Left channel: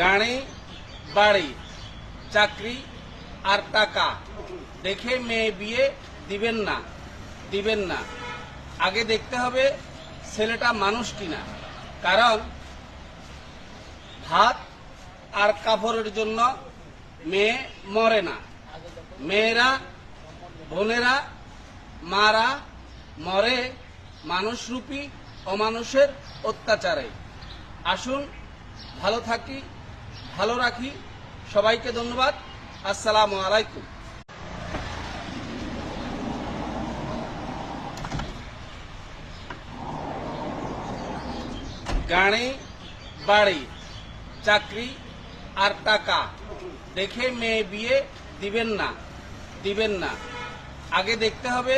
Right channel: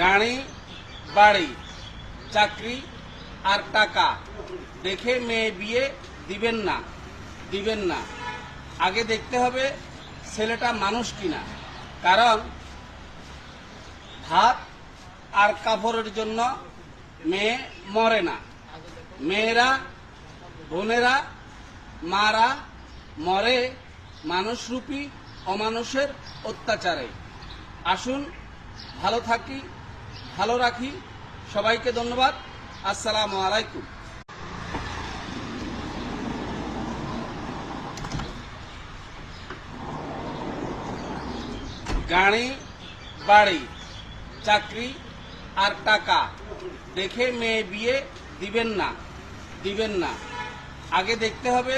গাড়ি, বাড়ি, চাকরি আর টাকা দেখে মেয়ে বিয়ে দিবেন না। আগে দেখতে হবে ছেলেটা মানুষ কিনা, কারণ ভাত আর কাপড়ের জন্য মেয়ে মরে না। মেয়েরা, বোনেরা, মারা মরে মানুষরূপী অমানুষের অত্যাচারে। আসুন ভালো থাকি, ভালো রাখি। সবাইকে ধন্যবাদ। আসসালামু আলাইকুম। গাড়ি, বাড়ি, চাকরি আর টাকা দেখে মেয়ে বিয়ে দিবেন না। আগে দেখতে হবে